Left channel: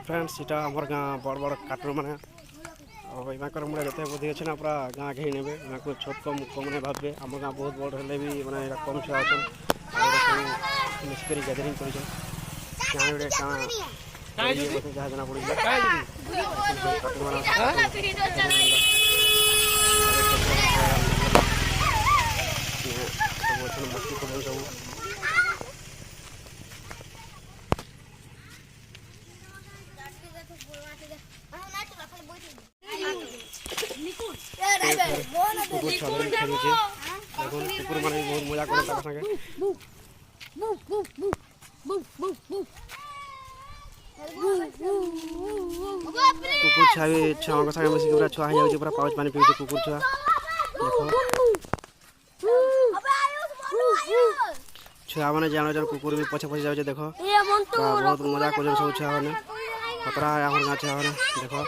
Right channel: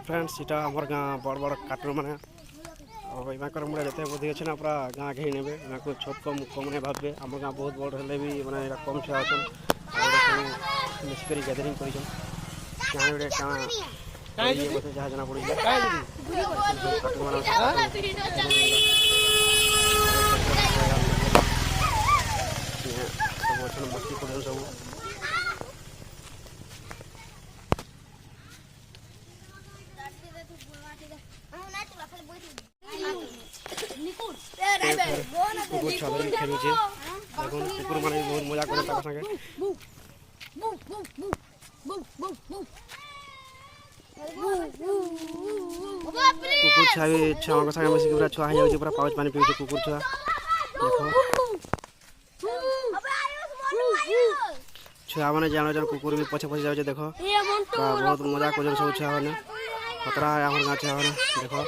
friends इटा हमर गाँ बड़ बड़ कार्टून मैंने और मुझे जिते बुद्धि अच्छे ना पूरा गाँ के ही नेबे छोट कम कम नहीं भावे आम गाँ बहुत बड़ हेल्ले भी मैंने कम छुआ अच्छन मिसिक गैदरिंग कर जहाँ जना पड़ी कार्टून मान सब अच्छे मस्ती कर सब कुकुर छादर खेलुचे देखो कुकुर माने बहुत मजा करे ताका संगे कुकुर छुआ संगे मिसिक पूरा छुआ हो जाउचे पूरा पाउच पानी पीउचे कुकुर छुआ देखो छुआ माने जानो जान कुकुर भी पछे पछे जाउचे देखो बहुत मजा कर सब छुआ माने खतरा है हमर गाछ छुआ माने देखो